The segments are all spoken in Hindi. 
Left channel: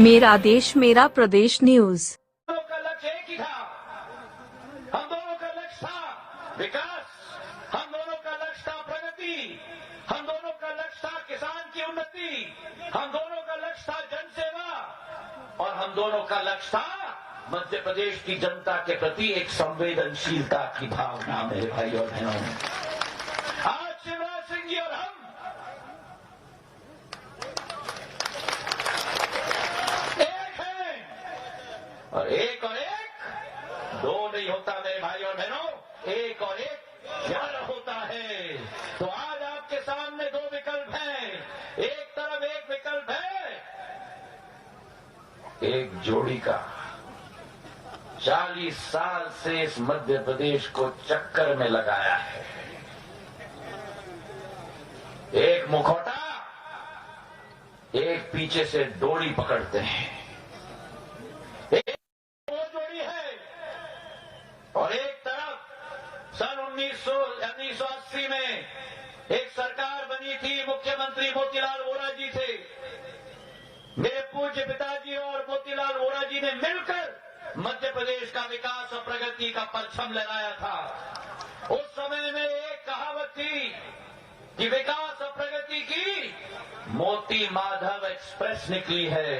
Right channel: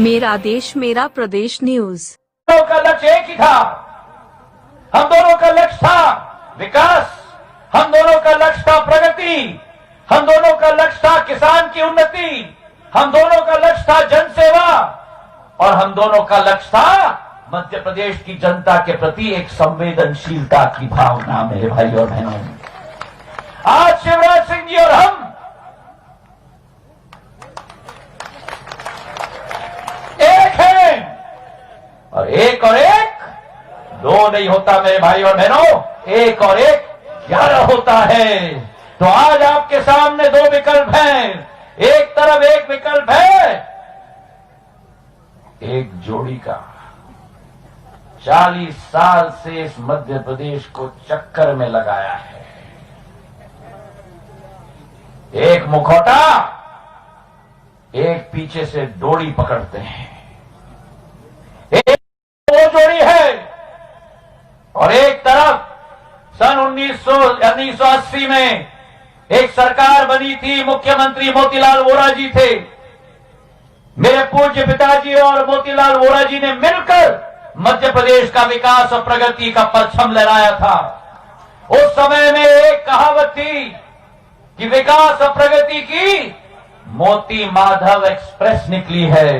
मेरा देश मेरा प्रदेश न्यूज। हम दोनों का लक्ष्य एक ही था। हम दोनों का लक्ष्य था विकास, हम दोनों का लक्ष्य था प्रगति, हम दोनों का लक्ष्य था किसान की उन्नति, हम दोनों का लक्ष्य था जनसेवा और हम दोनों का लक्ष्य था मध्य प्रदेश की जनता के प्रति एक संवेदनशीलता की भावना। मेरे भाई और बहनों, आज शिवराज सिंह जी और हम एक हैं और एक दो नहीं होता मेरे भाई और बहनों, एक और एक 11 होता है। तो आज आपके सामने दो विकल्प हैं। एक तरफ एक विकल्प है एक जोड़ी का 40 साल से इस मध्य प्रदेश को चक्कर में लगाया है, एक मुखौटा, एक पीछे से डोरी पकड़ते हैं। एक वो जोड़ी है और एक तरफ सन 1980 में एक सरकार बनी थी, मुख्यमंत्री मोतीलाल वोरा जी थे। मेरे पूज्य पिताजी और मोतीलाल वोरा जी ने मिलकर मध्य प्रदेश का विकास और प्रगति का परचम लहराया था। उस समय में एक कहावत थी कि विकास और प्रगति की मोती माधव एक्सप्रेस निकली है।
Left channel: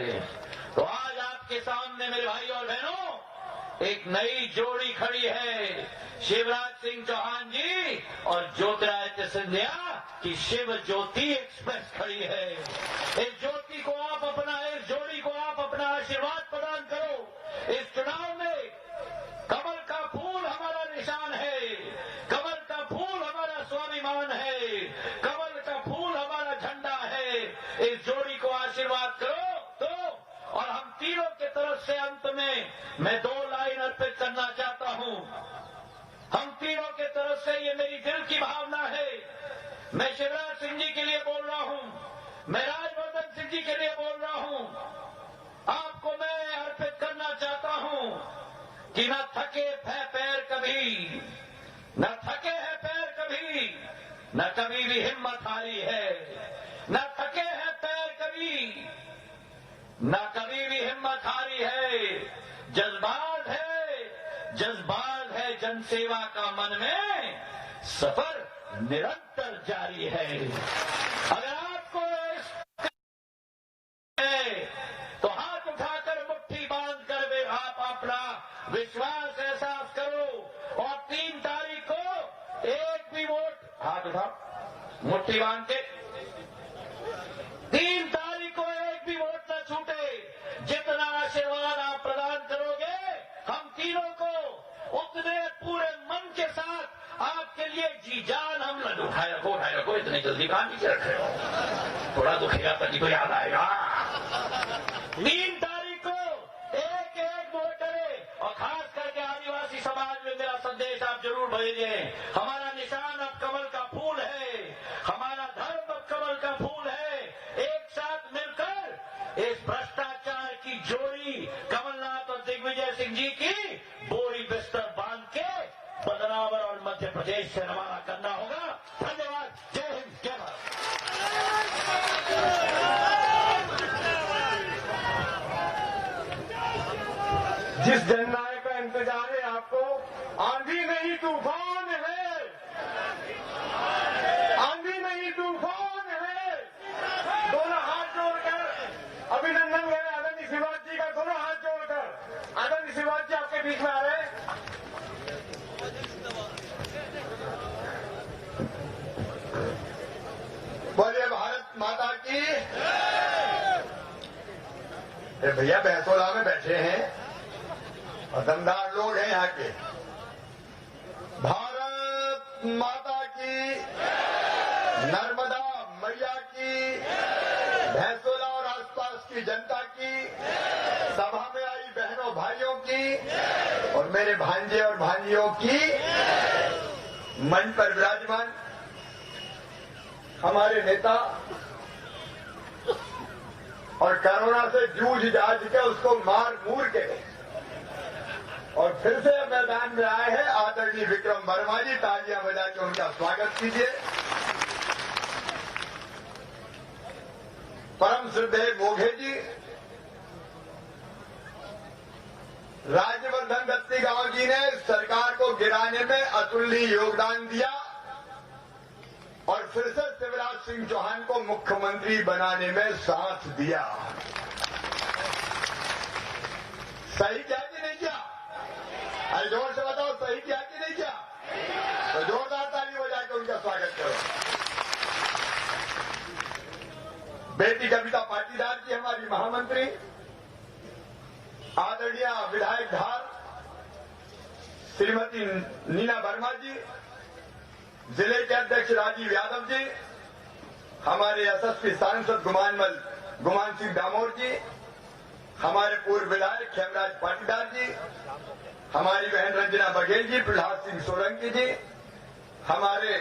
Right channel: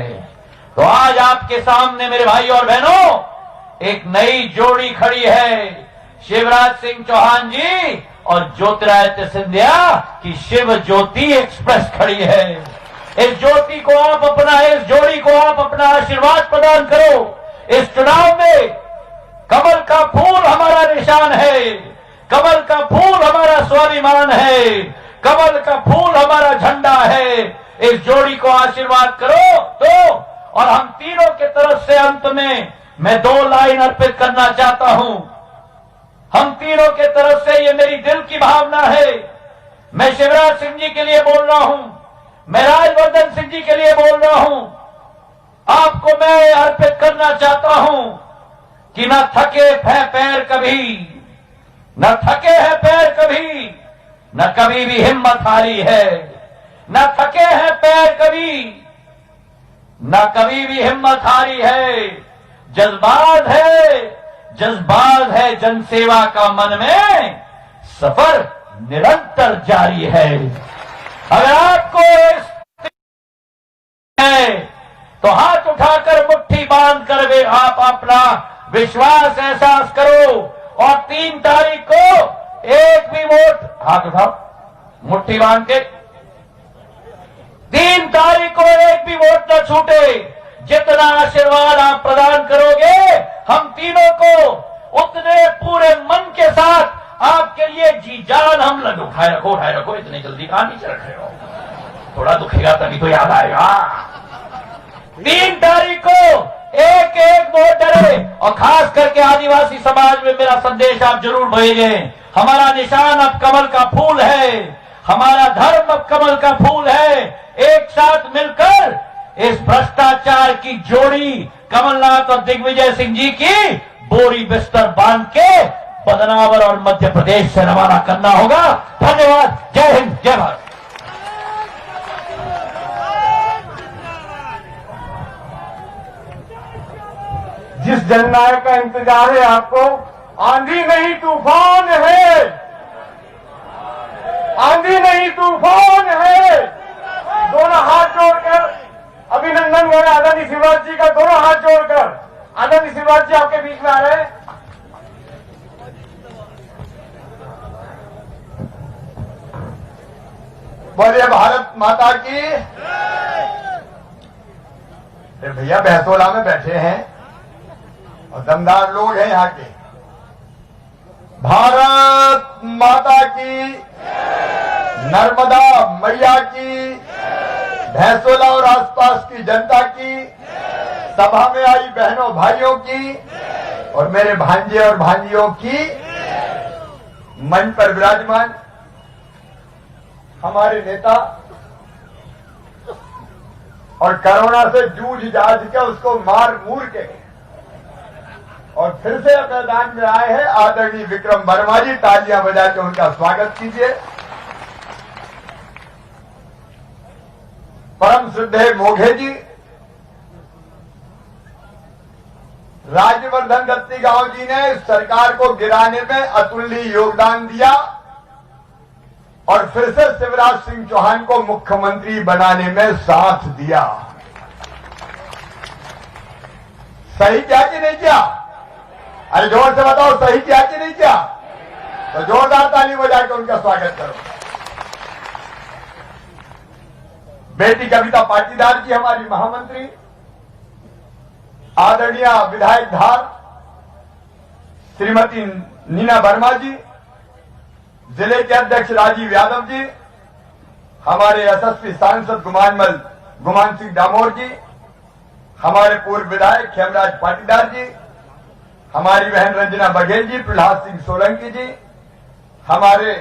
तो आज आपके सामने मेरे भाई और बहनों एक नई जोड़ी खड़ी है, शिवराज सिंह चौहान जी और ज्योतिरादित्य सिंधिया की शिव ज्योति एक्सप्रेस खड़ी है। इस ज्योति को आप अपना, इस जोड़ी को आप अपना आशीर्वाद प्रदान करो। इस चुनाव में कमल का फूल हमारा निशान है, कमल का फूल हमारा स्वाभिमान है, कमल का फूल हमारा झंडा है। इस जोड़ी को आशीर्वाद करो तो, और हम तीनों के तरफ से अंत में मैं 2 लाइन अर्पित करना चाहता हूं। हम तीनों के तरफ से ये मेरी दिल की भावना है। मैं शिवराज सिंह जी के लिए बोल रहा हूं, मैं राजवर्धन सिंह जी के लिए बोल रहा हूं। आपको मैं अर्पित करना चाहता हूं कि न थके हैं पैर कभी, न थके हैं पैर कभी, न कभी भी हिम्मत हारी है। न थके हैं पैर कभी, न कभी भी हिम्मत हारी है। जज्बात है जनसेवा का मन में, सफर निरंतर जारी है। अगर आपको है तो हाथ उठाकर मुट्ठी बांध कर वे आप अपना विश्वास एहसास करो और 3 तारीख को एक भी वोट, हाथ उठाओ मुट्ठी बांध के, 3 तारीख को एक भी वोट न छूटे। जितना आशीर्वाद आप प्रदान करोगे हम तीनों को उतने पूरे मन के साथ आपके लिए जी जान हम लगे। उठाए रखो, इतनी जल्दी कहां नीचे रखे हो, थोड़ा दुखेगा तभी तो याद आएगा। 3 तारीख को एक वोट डरे और खास करके आदिवासी समाज में मेरा संदेश आप जरूर भेजें। हमारा निशान अब कमल का फूल है, हमारा धर्म अब कमल का फूल है। एक साथ मिलकर इस भ्रष्टाचार की जोड़ी कमलनाथ और दिग्विजय सिंह जी की बोरी बिस्तर बांध के बदनावर और मध्य प्रदेश से रवाना करना होगा। धन्यवाद। जय हिंद, जय भारत। जिस जननायक का इंतजार है आपको, आंधी नहीं तूफान है, आंधी नहीं तूफान है। दोनों हाथ जोड़कर अभिनंदन करें आदरणीय शिवराज जी का, दोनों हाथ जोड़कर। आदरणीय शिवराज जी आपके बीच में आ रहे हैं। बोलिए भारत माता की। भैया बहसोला में बैठे हैं और दमदार लोग हैं यहाँ के। भारत माता की, नर्मदा मैया की, भैंसोला और आसपास की जनता की, सभा में आई बहनों भाइयों की और मेरे भांजे और भांजियों की, मंच पर विराजमान हमारे नेता और कोरोना से जूझ जाझ के उसको मार मूर के और फिर से मैदान में आए हैं आदरणीय विक्रम वर्मा जी। तालियां बजा के उनका स्वागत कीजिए। परम श्रद्धेय मोघे जी, राज्यवर्धन दत्तीगांव जी ने सरकार को गिराने में अतुलनीय योगदान दिया और फिर से शिवराज सिंह चौहान को मुख्यमंत्री बनाने में साथ दिया। सही किया कि नहीं किया? अरे जोर से बताओ, सही किया कि नहीं किया? तो जोरदार ताली बजा के उनका स्वागत करो। बेटी कविता पाटीदार जी हमारी महामंत्री, आदरणीय विधायक धार श्रीमती नीना वर्मा जी, जिले के अध्यक्ष राजीव यादव जी, हमारे यशस्वी सांसद गुमान सिंह डामोर जी, हमारे पूर्व विधायक खेमराज पाटीदार जी, हमारी बहन रंजना बघेल जी, प्रहलाद सिंह सोलंकी जी, हमारे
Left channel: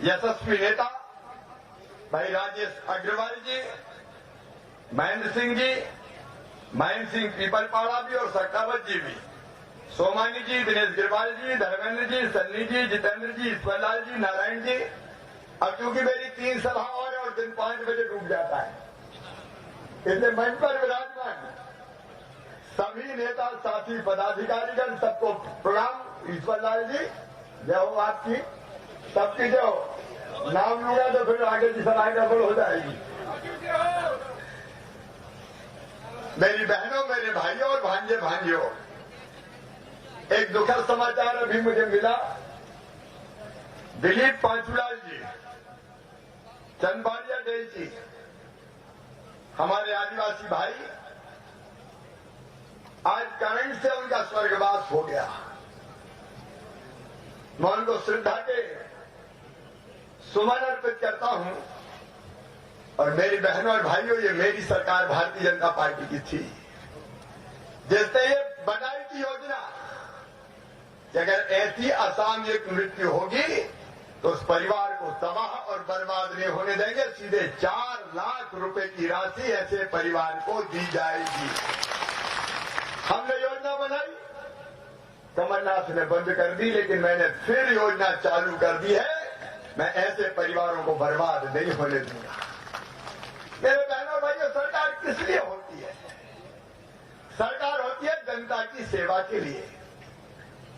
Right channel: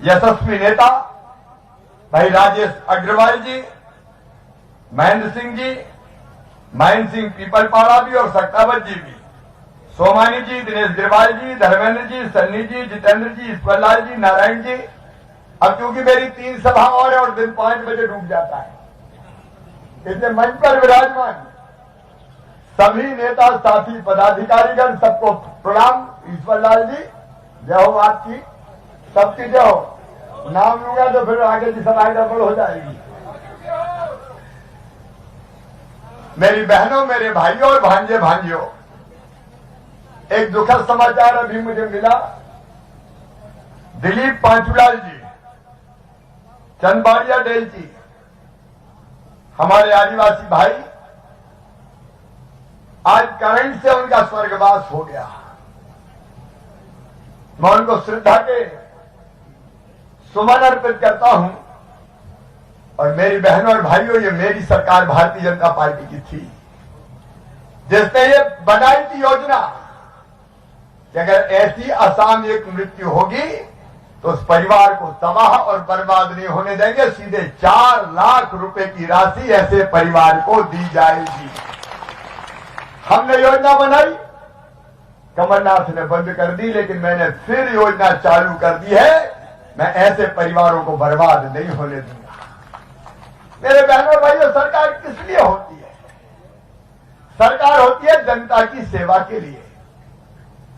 यशस्वी नेता भाई राजेश अग्रवाल जी, महेंद्र सिंह जी, महेंद्र सिंह पीपलपाड़ा भी और सक्तावत जी भी, सोमानी जी, दिनेश गिरवाल जी, धर्मेंद्र जी, सन्नी जी, जितेंद्र जी, ईश्वरलाल जी, नारायण जी। अब क्योंकि मेरी 3 सभा और है और दिन 5 बजे डूब जाता है, इसलिए मंच पर विराजमान सभी नेता साथी पदाधिकारीगण सबको प्रणाम। ईश्वरलाल जी जय हो, आपकी सबकी जय हो। नाम लूंगा तो फिर आगे की सभा गड़बड़ हो जाएगी। मेरी बहनों, मेरे भाइयों और भांजे भांजियों, एक दुखद समाचार अभी मुझे मिला। दिलीप पांचुलाल जी, चंदबाड़िया डेल जी, हमारे आदिवासी भाई, आज करंट से उनका स्वर्गवास हो गया। मैं उनको श्रद्धा के सुमन अर्पित करता हूं। और मेरी बहनों और भाइयों, ये मेरी सरकार भारतीय जनता पार्टी की थी जिसने ये बनाई थी योजना कि अगर ऐसी असामयिक मृत्यु होगी तो उस परिवार को तबाह और बर्बाद नहीं होने देंगे, सीधे 4 लाख रुपए की राशि ऐसे परिवार को दी जाएगी। हमने योजना बनाई, कमलनाथ ने बंद कर दी, लेकिन मैंने फिर योजना चालू कर दी है। मैं ऐसे परिवारों को बर्बाद नहीं होने दूंगा। मेरे बहनों और भाइयों, सरकार किस लिए होती है? सरकार होती है जनता की सेवा के लिए,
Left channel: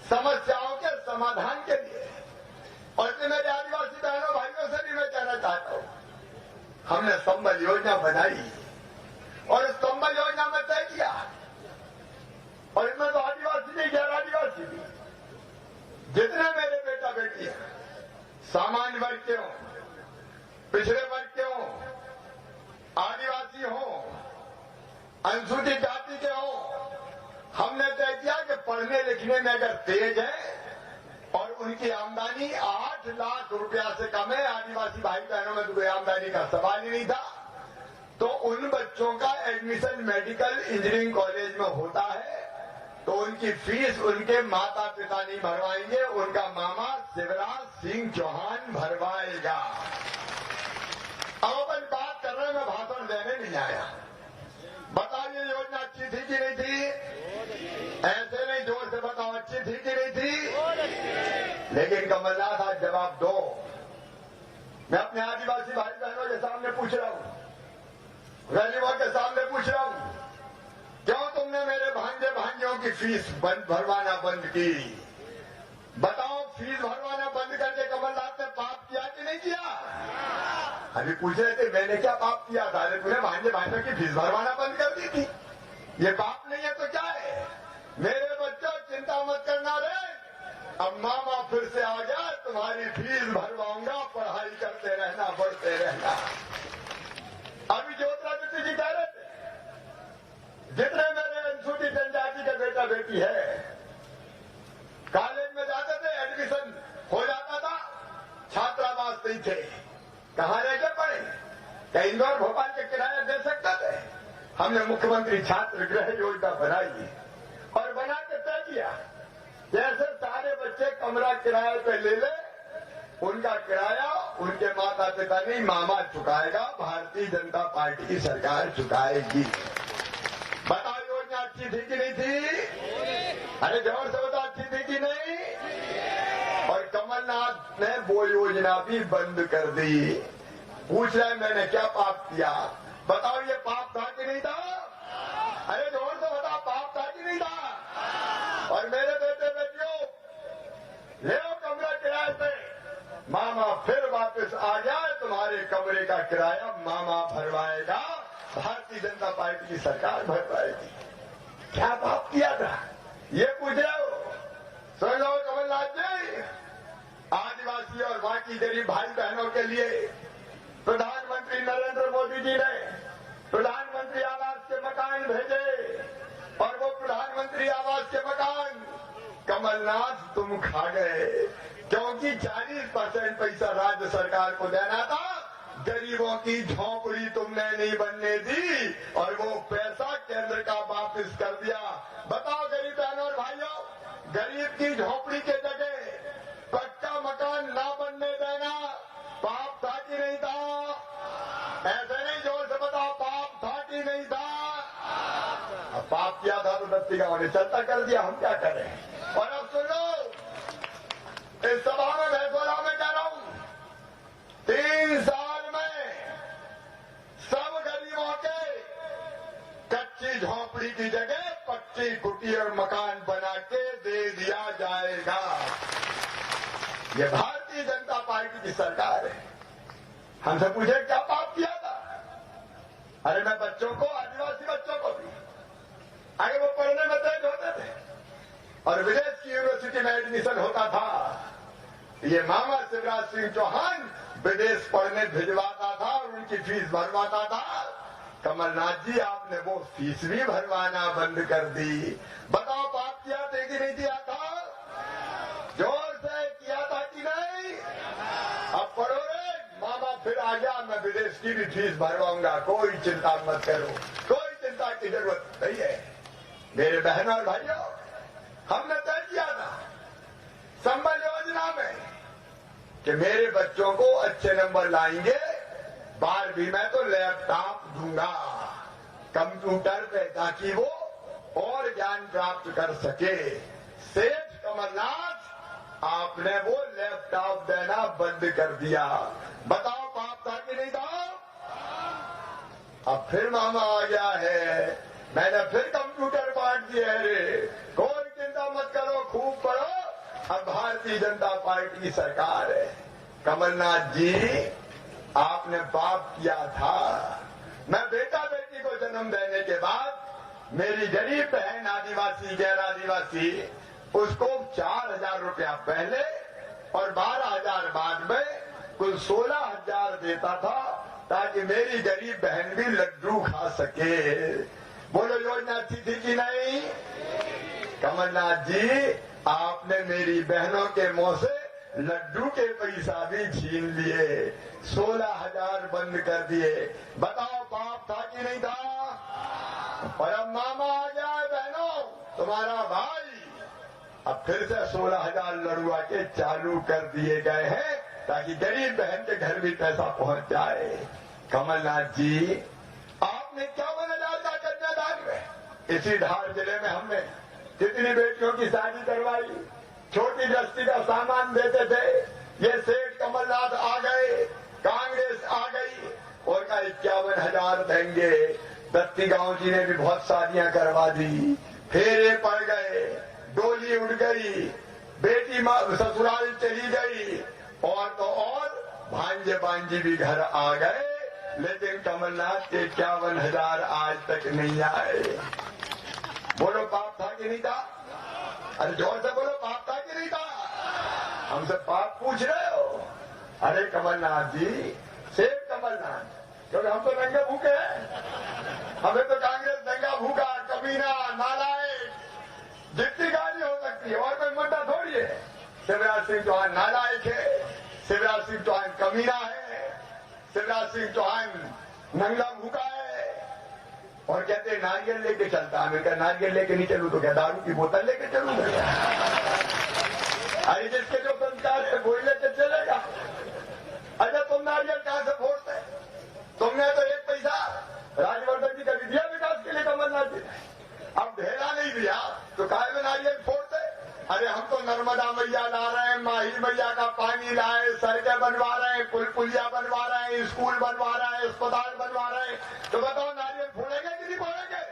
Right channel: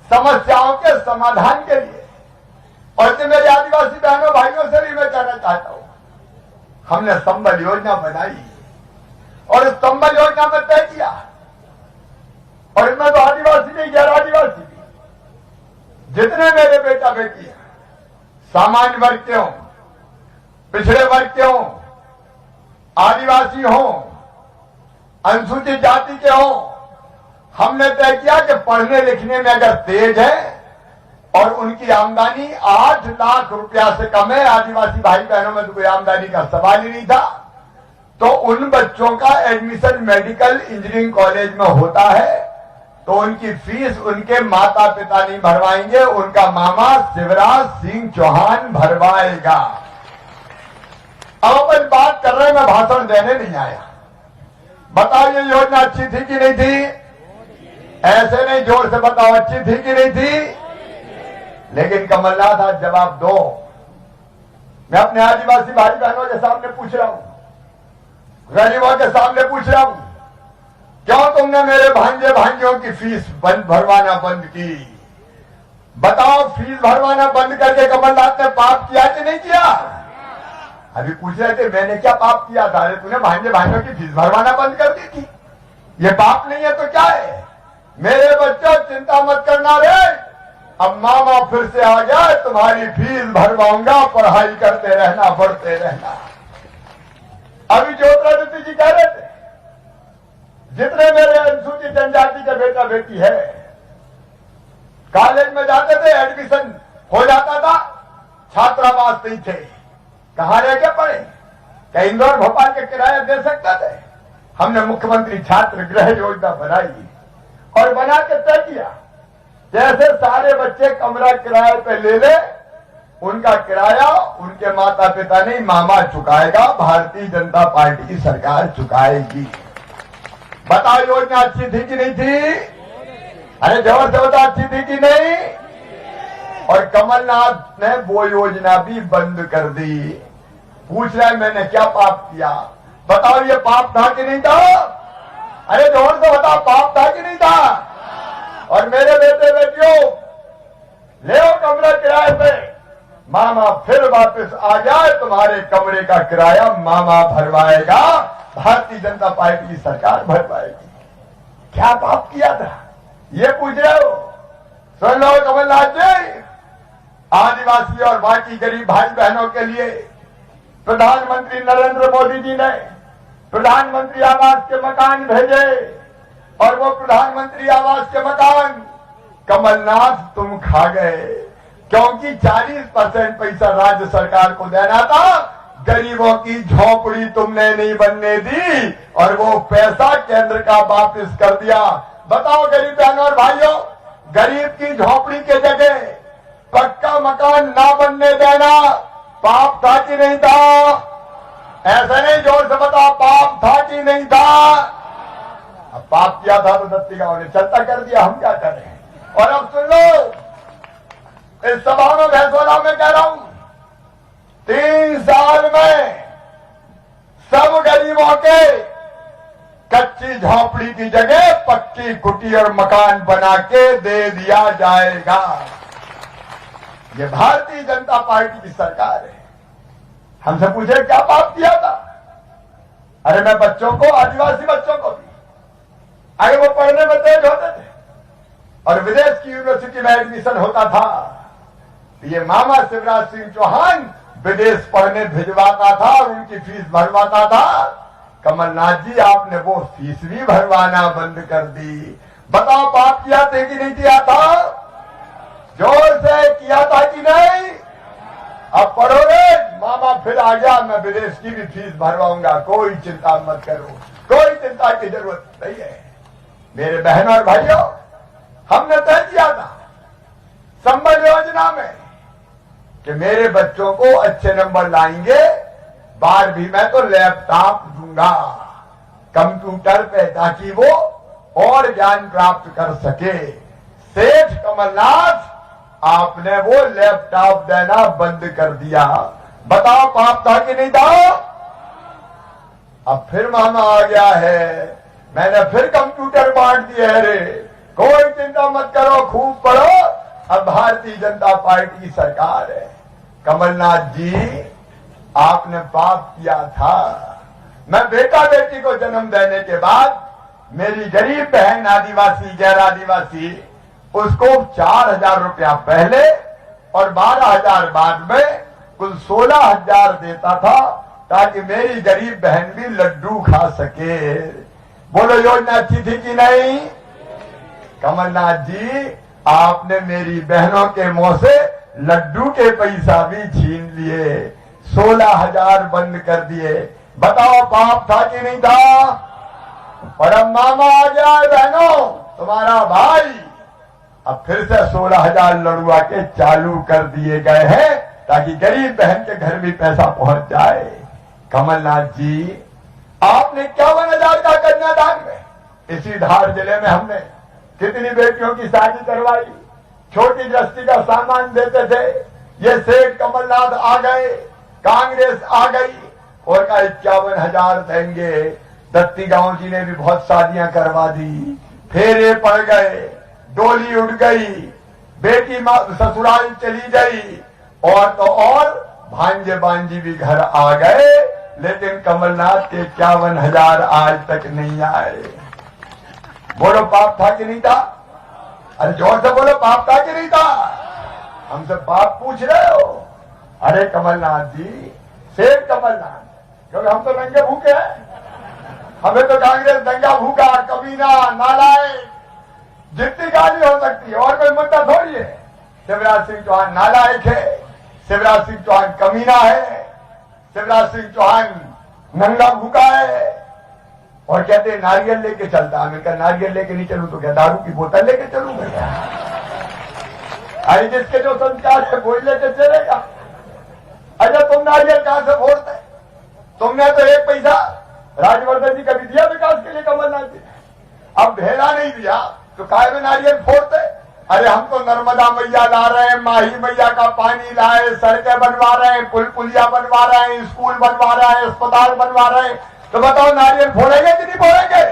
समस्याओं के समाधान के लिए। और तो मेरे आदिवासी बहनों भाइयों से भी मैं कहना चाहता हूं, हमने संबल योजना बनाई और इस संबल योजना में तय किया, और इनमें तो आदिवासी नहीं, गैर आदिवासी भी, जितने मेरे बेटा बेटी हैं, सामान्य वर्ग के हों, पिछड़े वर्ग के हों, आदिवासी हों, अनुसूचित जाति के हों, हमने तय किया कि पढ़ने लिखने में अगर तेज है और उनकी आमदनी 8 लाख रुपया से कम है, आदिवासी भाई बहनों में तो कोई आमदनी का सवाल ही नहीं था, तो उन बच्चों का एडमिशन मेडिकल इंजीनियरिंग कॉलेज में होता है, तो उनकी फीस उनके माता पिता नहीं भरवाएंगे, उनका मामा शिवराज सिंह चौहान भरवाएगा। अब अपन बात कर रहे हैं, मैं भाषण देने नहीं आया। बताओ ये योजना अच्छी थी कि नहीं थी? ऐसे नहीं, जोर से बताओ, अच्छी थी कि नहीं थी? लेकिन कमलनाथ आज जवाब दो। मैं अपने आदिवासी भाई बहनों के सामने पूछ रहा हूं, गरीबों के सामने पूछ रहा हूं, क्यों तुमने मेरे भांजे भांजियों की फीस भरवाना बंद की? बताओ, फीस भरवाना बंद करके कमलनाथ ने पाप किया कि नहीं किया? अभी पूछ रहे थे मैंने क्या पाप किया था? अरे तूने भांजे भांजियों की फीस भरवाना बंद कर दी थी, ये पाप नहीं है तो क्या है? मेरे बच्चों चिंता मत करना रे, अब मामा फिर से आ गया, तुम्हारी फीस भरवाऊंगा, पढ़ाई करते रहना, पढ़ते रहना। अभी ज्योतिरादित्य जी कह रहे थे, जितने मेरे अनुसूचित जनजाति के बेटा बेटी है, कॉलेज में जाते थे, एडमिशन हो जाता था, छात्रावास नहीं थे, कहां रह के पढ़े? क्या इंदौर भोपाल के किराया दे सकते थे? हमने मुख्यमंत्री छात्र गृह योजना बनाई और बना के तय किया, जैसे सारे बच्चे कमरा किराए पे ले ले, उनका किराया उनके माता पिता नहीं, मामा चुकाएगा, भारतीय जनता पार्टी की सरकार चुकाएगी। बताओ योजना अच्छी थी कि नहीं थी? अरे जोर से बताओ, अच्छी थी कि नहीं? और कमलनाथ ने वो योजना भी बंद कर दी। पूछ रहा है मैंने क्या पाप किया? बताओ ये पाप था कि नहीं था? अरे जोर से बता, पाप था कि नहीं था? और मेरे बेटे बेटियों, ले आओ कमरा किराए पे, मामा फिर वापस आ जाए, तुम्हारे कमरे का किराया मामा भरवाएगा, भारतीय जनता पार्टी की सरकार भरवाएगी। क्या पाप किया था ये पूछ रहे हो? सुन लो कमलनाथ जी, आदिवासी और बाकी गरीब भाई बहनों के लिए प्रधानमंत्री नरेंद्र मोदी जी ने प्रधानमंत्री आवास के मकान भेजे, और वो प्रधानमंत्री आवास के मकान कमलनाथ तुम खा गए, क्योंकि 40% पैसा राज्य सरकार को देना था, गरीबों की झोपड़ी तुमने नहीं बनने दी, और वो पैसा केंद्र का वापस कर दिया। बताओ गरीब बहनों और भाइयों, गरीब की झोपड़ी के जगह पक्का मकान ना बनने देना पाप था कि नहीं था? ऐसा नहीं, जोर से बताओ, पाप था कि नहीं था? अब पाप किया था तो दत्ती गांव ने चलता कर दिया, हम क्या करें? और अब सुन लो, इस सभा में भैंसवाड़ा में कह रहा हूं, 3 साल में सब गरीबों के कच्ची झोपड़ी की जगह पक्की कुटी और मकान बना के दे दिया जाएगा। ये भारतीय जनता पार्टी की सरकार है। हमसे पूछे क्या पाप किया था? अरे मैं बच्चों को, आदिवासी बच्चों को भी, अरे वो पढ़ने में तेज होते थे और विदेश की यूनिवर्सिटी में एडमिशन होता था, ये मामा शिवराज सिंह चौहान विदेश पढ़ने भिजवाता था और उनकी फीस भरवाता था। कमलनाथ जी, आपने वो फीस भी भरवाना बंद कर दी। बताओ पाप किया था कि नहीं किया था? जोर से किया था कि नहीं? अब पढ़ोगे, मामा फिर आ गया, मैं विदेश की भी फीस भरवाऊंगा, कोई चिंता मत करो, कोई चिंता की जरूरत नहीं है। मेरे बहनों और भाइयों, हमने तय किया था संबल योजना में कि मेरे बच्चों को अच्छे नंबर लाएंगे, 12वीं में तो लैपटॉप दूंगा कंप्यूटर पे, ताकि वो और ज्ञान प्राप्त कर सके। सेठ कमलनाथ, आपने वो लैपटॉप देना बंद कर दिया। बताओ पाप था कि नहीं था? अब फिर मामा आ गया है, मैंने फिर कंप्यूटर बांट दिए है रे, कोई चिंता मत करो, खूब पढ़ो, अब भारतीय जनता पार्टी की सरकार है। कमलनाथ जी, आपने पाप किया था। मैं बेटा बेटी को जन्म देने के बाद मेरी गरीब बहन आदिवासी, गैर आदिवासी, उसको 4,000 रुपया पहले और 12,000 बाद में कुल 16,000 देता था, ताकि मेरी गरीब बहन भी लड्डू खा सके। बोलो योजना अच्छी थी कि नहीं? कमलनाथ जी, आपने मेरी बहनों के मुंह से लड्डू के पैसा भी छीन लिए, 16,000 बंद कर दिए। बताओ पाप था कि नहीं था? और अब मामा आ गया है बहनों, तुम्हारा भाई, अब फिर से 16,000 लड़ुआ के चालू कर दिए गए हैं, ताकि गरीब बहन के घर भी पैसा पहुंच जाए। कमलनाथ जी, आपने 51,000 का कन्यादान में इसी धार जिले में हमने कितनी बेटियों की शादी करवाई, छोटी गृहस्थी का सामान देते थे। ये सेठ कमलनाथ आ गए, कांग्रेस आ गई और कहा 51,000 देंगे। दत्ती गांव जी ने भी बहुत शादियां करवा दी, फेरे पड़ गए, डोली उड़ गई, बेटी ससुराल चली गई, और तो और भांजे बांजी भी घर आ गए, लेकिन कमलनाथ के 51,000 आज तक नहीं आए। बोलो पाप था कि नहीं था? अरे जोर से बोलो, पाप था कि नहीं था? हमसे पाप पूछ रहे हो? अरे कमलनाथ जी, शेर कमलनाथ, क्योंकि हम तो नंगे भूखे हैं, हमें तो कांग्रेस दंगा भूखा, कमीना, नालायक, जितनी गाली हो सकती है, और कोई मुद्दा थोड़ी है। शिवराज सिंह चौहान नालायक है, शिवराज सिंह चौहान कमीना है, शिवराज सिंह चौहान नंगा भूखा है, और कहते हैं नारियल लेके चलता। हमें कहा नारियल लेके नहीं चलूं तो क्या दारू की बोतल लेके चलूंगा? अरे जिसके जो संस्कार है वही लेके चलेगा। अच्छा, तुम नारियल कहां से फोड़ते? तुमने तो 1 पैसा राजवर्धन जी कभी दिया विकास के लिए कमलनाथ जी? अब भेला नहीं दिया तो काय में नारियल फोड़ते? अरे हम तो नर्मदा मैया ला रहे हैं, माही मैया का पानी लाए, सड़कें बनवा रहे हैं, पुल पुलिया बनवा रहे हैं, स्कूल बनवा रहे हैं, अस्पताल बनवा रहे हैं, तो बताओ नारियल फोड़ेंगे कि नहीं फोड़ेंगे?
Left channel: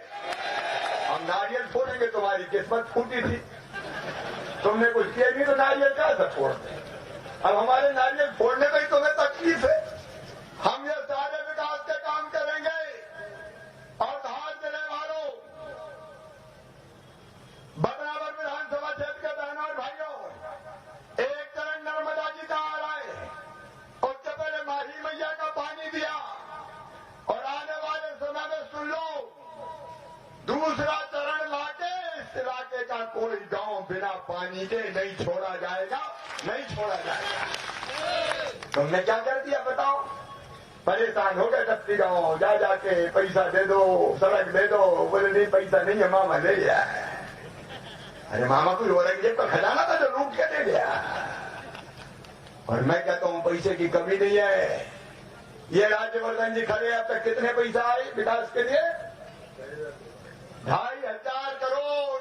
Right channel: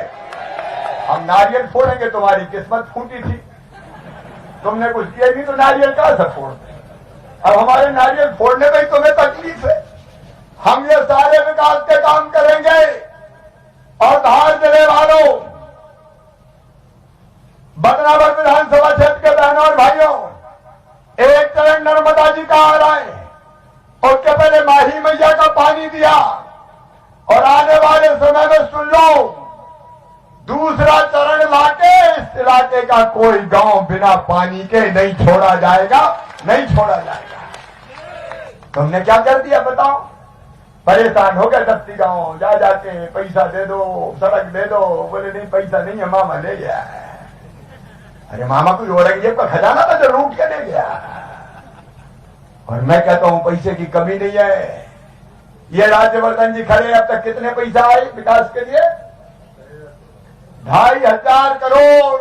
हम नारियल फोड़ेंगे, तुम्हारी किस्मत फूटी थी, तुमने कुछ किया नहीं तो नारियल कहां से फोड़। अब हमारे नारियल फोड़ने में ही तुम्हें तकलीफ है। हम ये सारे विकास के काम करेंगे। और धार जिले वालों, बदनावर विधानसभा क्षेत्र के बहनों और भाइयों, एक चरण नर्मदा जी का आ रहा है, उसके पहले माही मैया का पानी दिया, और आने वाले समय में सुन लो, दूसरा चरण लाके इस इलाके का कोई गांव बिना पानी के नहीं छोड़ा जाएगा, नहीं छोड़ा जाएगा। तुमने क्या कर दिया बताओ? परेशान हो गए 10 गांव, जा जाके पैसा दे दो, सड़क दे दो, बोले नहीं पैसा नहीं है, मामा ले गया। अरे मामा कोई औरंगजेब का खजाना था जो लूट के ले गया। और मैं कहता हूं पैसे की कमी नहीं है। ये राज्यवर्धन जी खड़े, अब तक कितने पैसा आए विकास के लिए? 2,500 करोड़।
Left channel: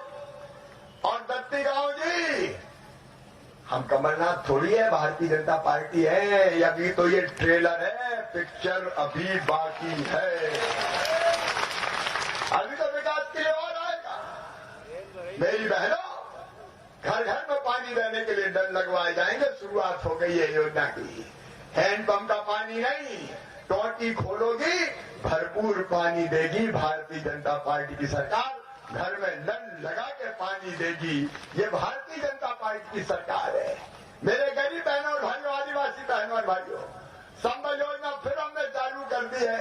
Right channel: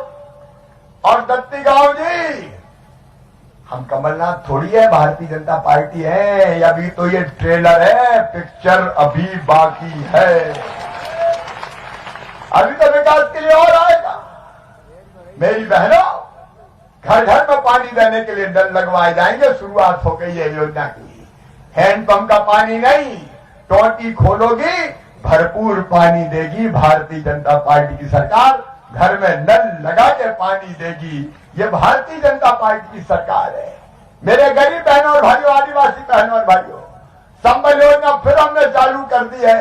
और दत्ती गांव जी, हम कमलनाथ थोड़ी है, भारतीय जनता पार्टी है, या अभी तो ये ट्रेलर है, पिक्चर अभी बाकी है। अभी तो विकास के लिए और आएगा। मेरी बहनों, घर घर में पानी देने के लिए नल लगवाए जाएंगे, शुरुआत हो गई है योजना की। हैंडपंप का पानी नहीं, टोटी खोलोगी, भरपूर पानी देगी भारतीय जनता पार्टी की सरकार। घर में नल लगा के पानी देगी, ये भारतीय जनता पार्टी की सरकार है। मेरे गरीब बहनों और भाइयों, आदिवासी बहनों और भाइयों, संबल योजना फिर हमने चालू कर दी है,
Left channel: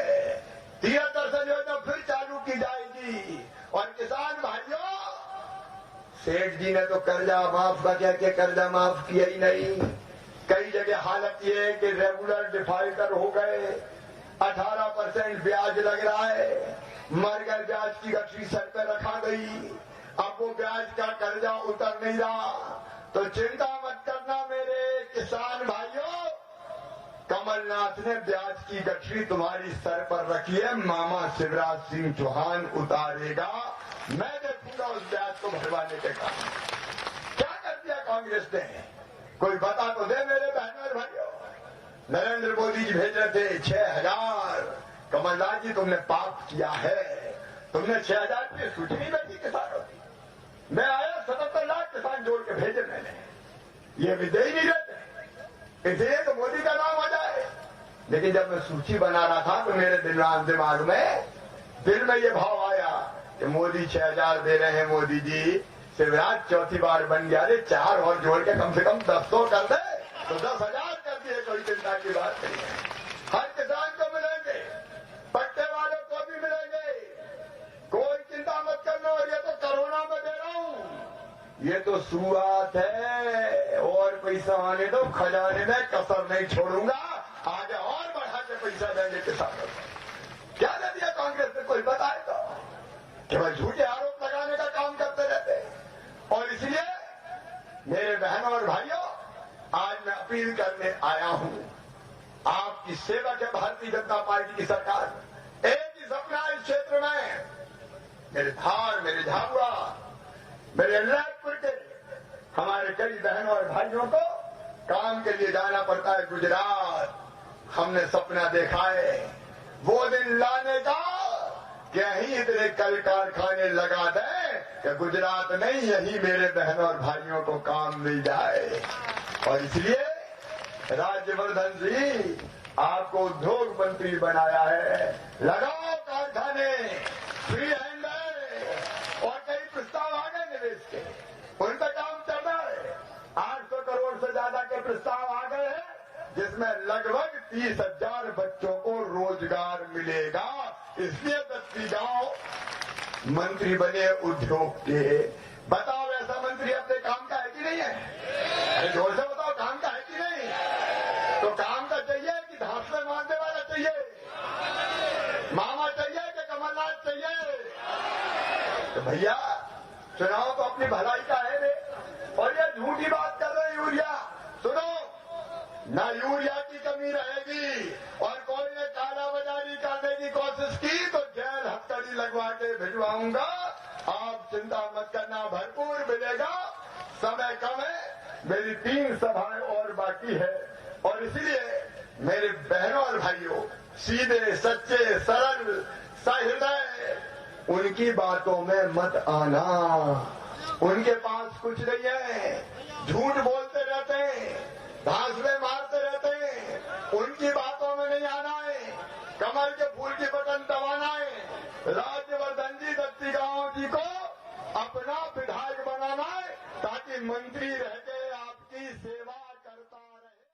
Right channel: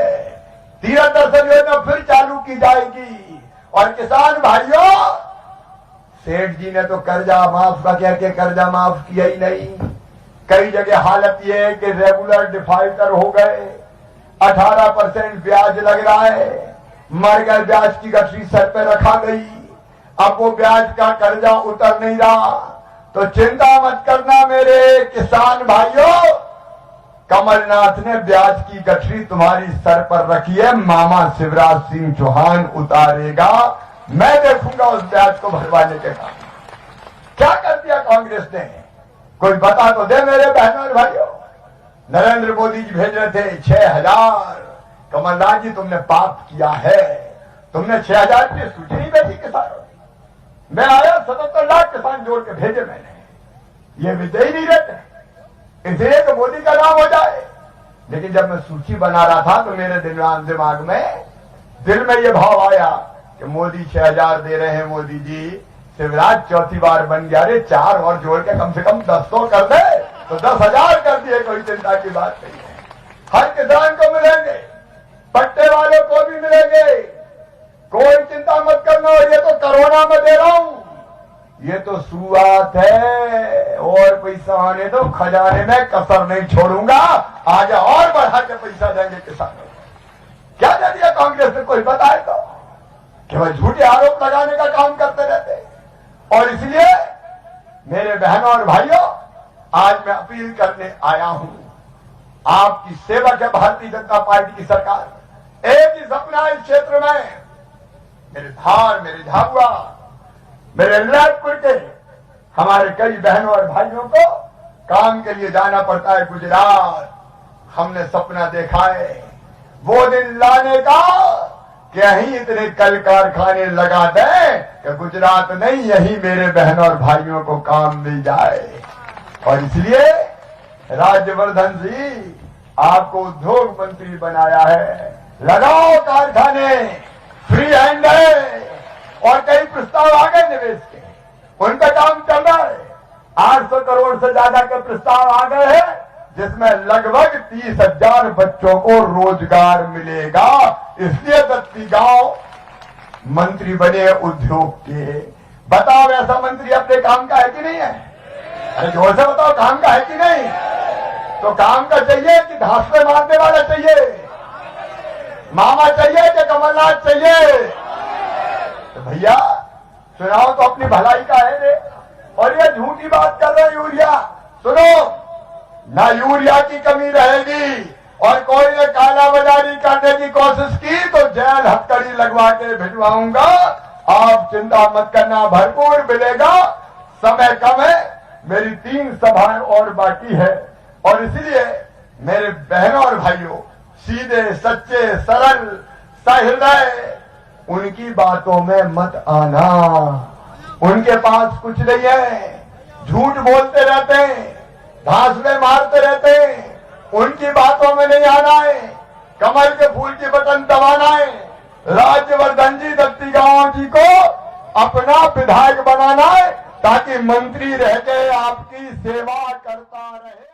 तीरथ दर्शन योजना फिर चालू की जाएगी। और किसान भाइयों, सेठ जी ने तो कर्जा माफ का कह के कर्जा माफ किया ही नहीं। कई जगह हालत यह है कि रेगुलर डिफॉल्टर हो गए, 18% ब्याज लग रहा है, मर गए, ब्याज की गठरी सर पे रखा गई, अब वो ब्याज का कर्जा उतर नहीं रहा। तो चिंता मत करना मेरे किसान भाइयों, कमलनाथ ने ब्याज की गठरी तुम्हारी सर पर रखी है, मामा शिवराज सिंह चौहान उतारेगा, मैं देखूंगा उस ब्याज को भरवाने के काम। क्या कर दिया कांग्रेस ने? कोई बता तो दे मेरे बहनों और भाइयों। नरेंद्र मोदी जी भेज रहे थे 6,000, कमलनाथ जी तुमने पाप किया है, तुमने 6,000 की सूची नहीं भेजी किसानों की। मैं आया 77 लाख किसान जोड़ के भेजे मैंने, ये विजय ही नहीं रहते, इसलिए तो मोदी का नाम हो जाए। लेकिन जब मैं सूची बना रहा था तो मेरे दिमाग में दिल में ये भाव आया कि मोदी 6,000 दे रहे हैं, मोदी जी शिवराज चौथी बार बन गया, रे 4 और जोड़ के कम से कम 10 कर दे, तो 10,000 कर दिए, कोई चिंता की बात नहीं है। हर किसान को मिलेंगे, पट्टे वालों को भी मिलेंगे, कोई चिंता मत करना। और ये तो कोरोना में दे रहा हूं, ये तो शुरुआत है, और पैसा आने दो, खजाने में कसर नहीं छोड़ूंगा, आगे और बढ़ा के पैसा देंगे किसानों को। क्या दे दिया कांग्रेस ने? कोई बताए तो? केवल झूठे आरोप लगाने का काम करते रहते। और इसलिए मेरे बहनों और भाइयों, आज मैं अपील करने आया हूं, आपकी सेवक है भारतीय जनता पार्टी की सरकार। एक ही सपना इस क्षेत्र में, मेरे धार, मेरे झाबुआ, मेरे लालपुर के हमारे कई बहनों और भाइयों को काम के लिए जाना पड़ता है गुजरात। हमने सपना देखा है वो दिन लाने का कि यहीं इतने कल कारखाने लगा दें कि गुजरात नहीं, यही मेरे बहनों और भाइयों को काम मिल जाए। और इसलिए राज्यवर्धन जी, आपको उद्योग मंत्री बनाया है, लगाओ कारखाने, फ्री हैंड है। और कई प्रस्ताव आ गए निवेश के, उनका काम चल रहा है। 800 करोड़ से ज्यादा के प्रस्ताव आ गए हैं, जिसमें लगभग 30,000 बच्चों को रोजगार मिलेगा। इसलिए दत्ती गांव मंत्री बने उद्योग के। बताओ ऐसा मंत्री अपने काम का है कि नहीं है? अरे जोर से बताओ, काम का है कि नहीं? तो काम का चाहिए कि धांसले मारने वाला चाहिए? मामा चाहिए कि कमलनाथ चाहिए? तो भैया चुनाव तो अपनी भलाई का है रे। और ये झूठी बात कर रहे यूरिया, सुनो ना, यूरिया की कमी रहेगी। और कोई ने काला बाजारी करने की कोशिश की तो जेल हथकड़ी लगवा के भिजवाऊंगा। आप चिंता मत करना, भरपूर मिलेगा। समय कम है, मेरी 3 सभाएं और बाकी है। और इसलिए मेरे बहनों और भाइयों, सीधे, सच्चे, सरल, सहृदय उनकी बातों में मत आना। उनके पास कुछ नहीं है, झूठ बोलते रहते हैं, घासले मारते रहते हैं। उनकी बातों में नहीं आना है, कमल के फूल की बटन दबाना है। राज्यवर्धन जी दत्तीगांव जी को अपना विधायक बनाना है ताकि मंत्री रह के आपकी सेवा करता रहे।